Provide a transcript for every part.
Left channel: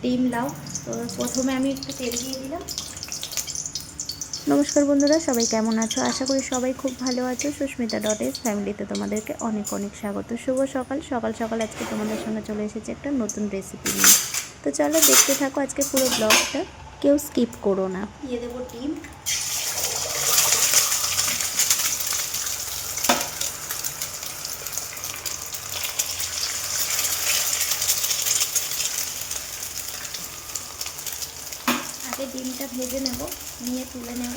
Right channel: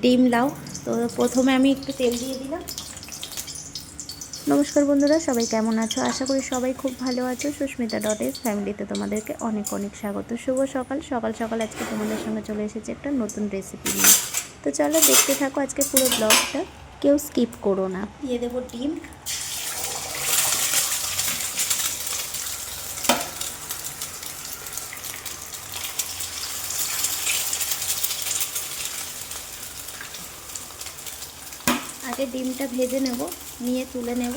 ডিম লাউ। তো প্রথমে আমি একটু তেল দিয়ে দিলাম। নমস্কার বন্ধুরা, সবাই কেমন আছো? আশা করি সবাই খুব ভালো আছো। সুস্মিতা ডট ফ্যামিলিতে তোমাদেরকে অনেক অনেক স্বাগত। শুভ সকাল সকাল সকাল আজকে তোমাদের সঙ্গে চলে এসেছে একটা নতুন রেসিপি নিয়ে। তো চলো দেখতে থাকো আজকে পুরো ব্লগটা, কেউ স্কিপ করো না। দিয়ে দেবো ডিম। আগে ডিমটা ভেজে নেব, নিয়ে তুলে নেব।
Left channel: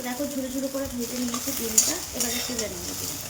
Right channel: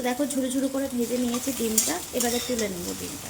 তো দেখো ঝুড়ো ঝুড়ো করে ভেজে নিয়েছি ডিমটা, এবারে তুলে নেব ডিমটা।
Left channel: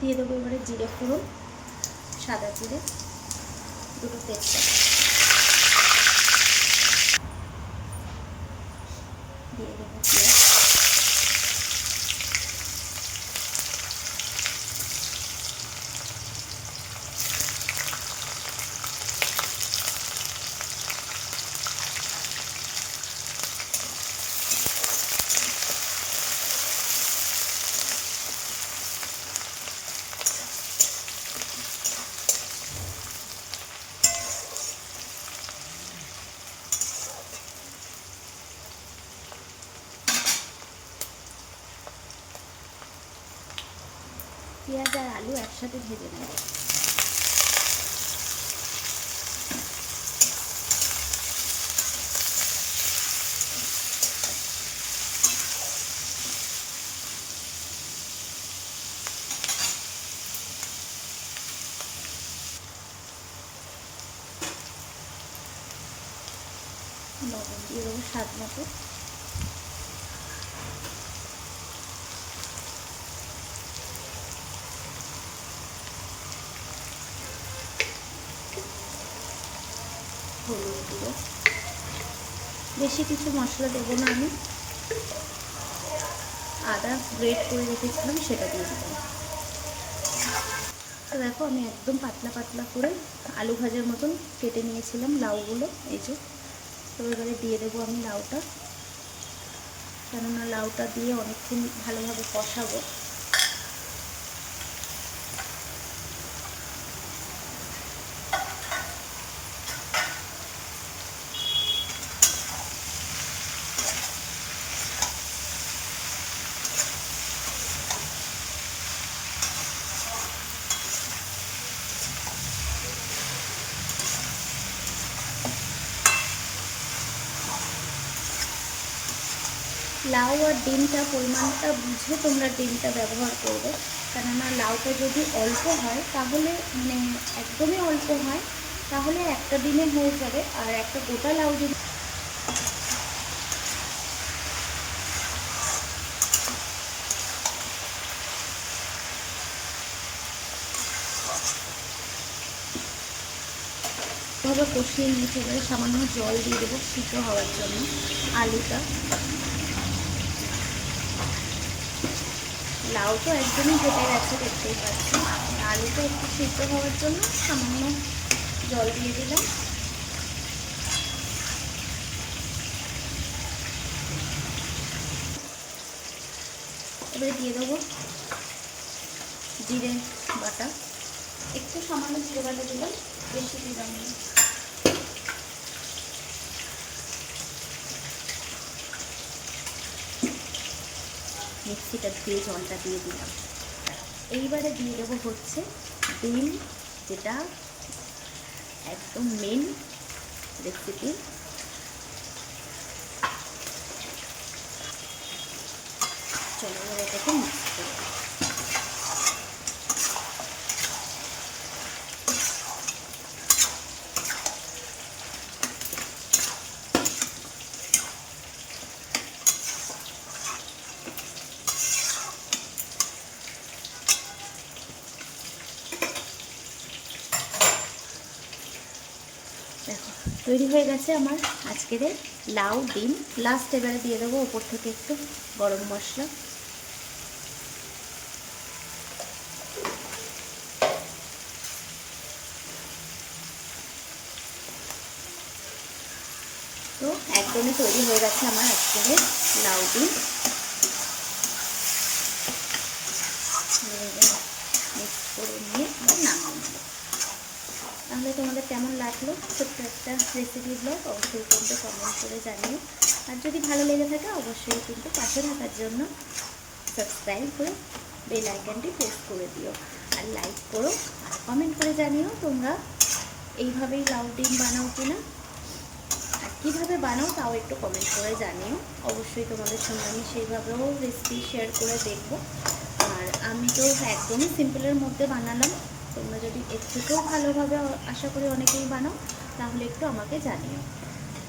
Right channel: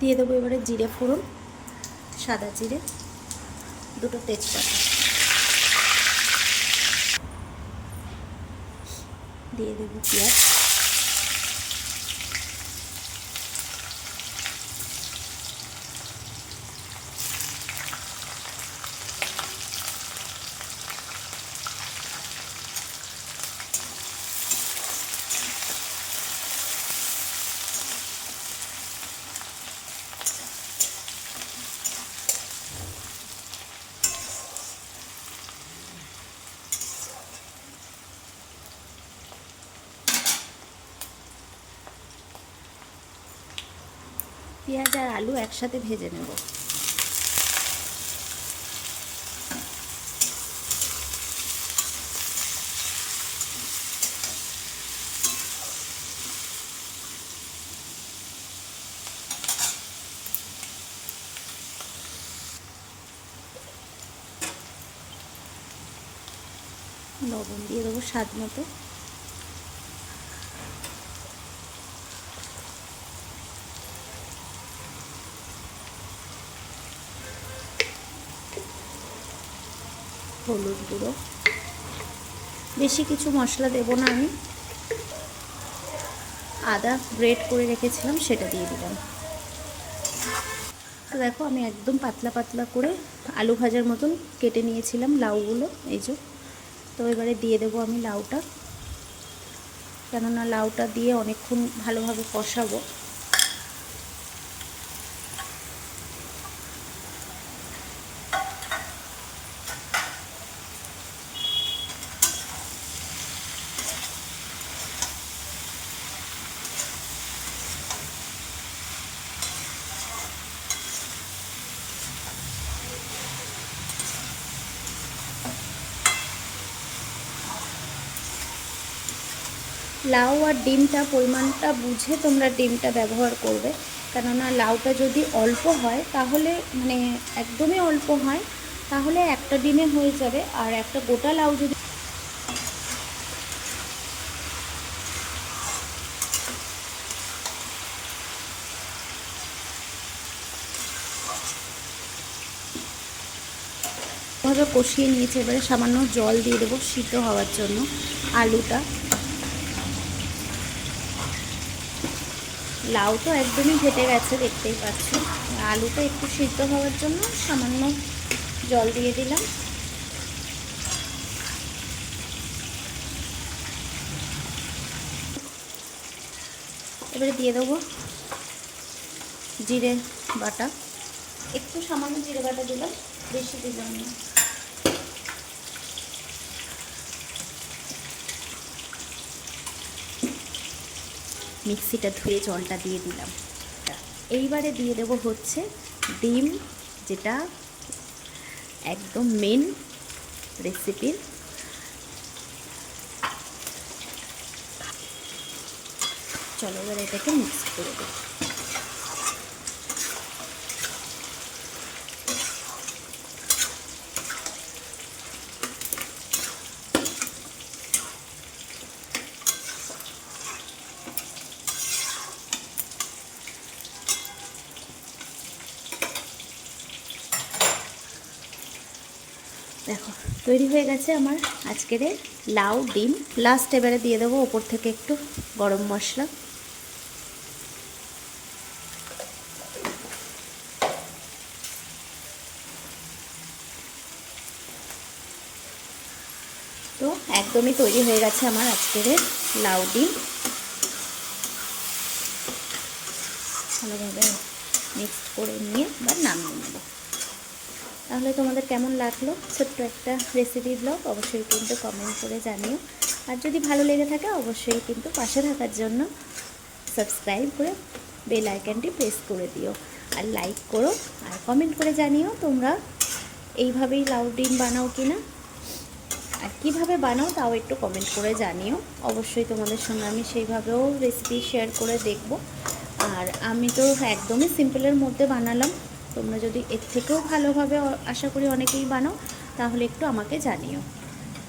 দিয়ে দেবো এবারে জিরে ফোড়ন, সাদা জিরে, দুটো তেজপাতা দিয়ে দেবো, পেঁয়াজ, পেঁয়াজ আর আলু একসাথে ভেজে নেব। লবণ দিয়ে দেবো স্বাদ মতো। হলুদ গুঁড়ো, বেশি কিছু মশলা দেবো না আমি। আদা গ্রেট করে রেখেছিলাম সেটা দিয়ে দিলাম। তো দেখো আমি একদম পাতলা পাতলা করে আলু ভাজার মতন কেটে নিয়েছিলাম লাউগুলো, এই যে। তো এবারে দিয়ে দেবো আমি লাউটা, কেননা লাউটা দিয়ে অনেকক্ষণ ভালোভাবে কষাবো। লাউ আর ডিমটা পরিমাণটা বুঝে তোমরা ডিমটা ব্যবহার করবে, কেননা লাউটা যদি অল্প হয় তাহলে মানে একদমই অল্প হয় তাহলে একটা ডিমে হয়ে যাবে, আর একটা গোটা লাউ যদি ভালোভাবে কষিয়ে নিয়েছি। এবারে সামান্য জল দিয়ে দেবো সিদ্ধ হওয়ার জন্য আলুটা। লাউ তো একদমই ঘেটে গেছে, দেখতেই পাচ্ছি। আলুটা একটু সিদ্ধ হওয়ার জন্য সামান্য জল দিয়ে দিলাম। এবারে দিয়ে দেবো জিরে বাটা, একটু সামান্য জিরে বাটা দিলাম, বেশি দিলাম না। মিক্সিটা ধুয়ে জলটা দিয়ে দিলাম। এইবারে দিয়ে দেবো হচ্ছে ডিম, যেটা একদম মেন রেসিপির। চলো এবার এটাকে মিক্স করে দেবো। দেখো তৈরি হয়ে গেছে আমার আজকের লাউ ডিম। লাস্ট এবারে দিয়ে দেবো ওপর থেকে একটু গরম মশলা। তো একদমই তৈরি হয়ে গেছে আমার আজকের লাউ ডিম। মিক্স করে নিয়ে আবার নামিয়ে নেব। তাহলে তোমাদের কেমন লাগলো ছোট্ট একটা রেসিপি ব্লগ, অবশ্যই কিন্তু কমেন্ট করে জানিও। আর যদি ভালো লেগে থাকে অবশ্যই কিন্তু পাশে থাকার জন্য সাবস্ক্রাইব করে বেল আইকনটি প্রেস করে দিও, আর লাইক করো, আর কমেন্ট করে জানিও তোমরা এইভাবেই লাউ ডিম বানাও কিনা, আর কীভাবে বানাও তাও একটু কমেন্ট করে জানিও। অবশ্যই তোমাদের সঙ্গে আমি সেইভাবেও রেসিপি শেয়ার করে দেখব। আর আমি তো একদমই সিম্পলের মধ্যে বানালাম, তোমরা যদি এর থেকেও ভালোভাবে আশা করি অনেকেই বানাও, তাহলে একটু আমাকে জানিও।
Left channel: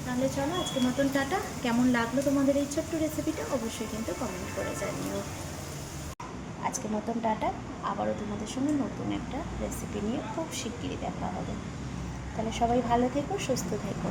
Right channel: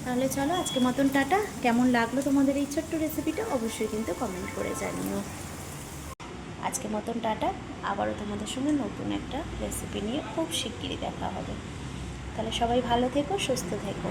তাহলে চলো আজকের মতন টাটা। কেমন লাগলো তোমাদের এই ছোট্ট রেসিপিটা অবশ্যই কিন্তু কমেন্ট করে জানিও। আজকের মতন টাটা। আবারও তোমাদের সঙ্গে নতুন একটা রেসিপি নিয়ে খুব শিগগিরই দেখা হবে। তাহলে সবাই ভালো থেকো, সুস্থ থেকো।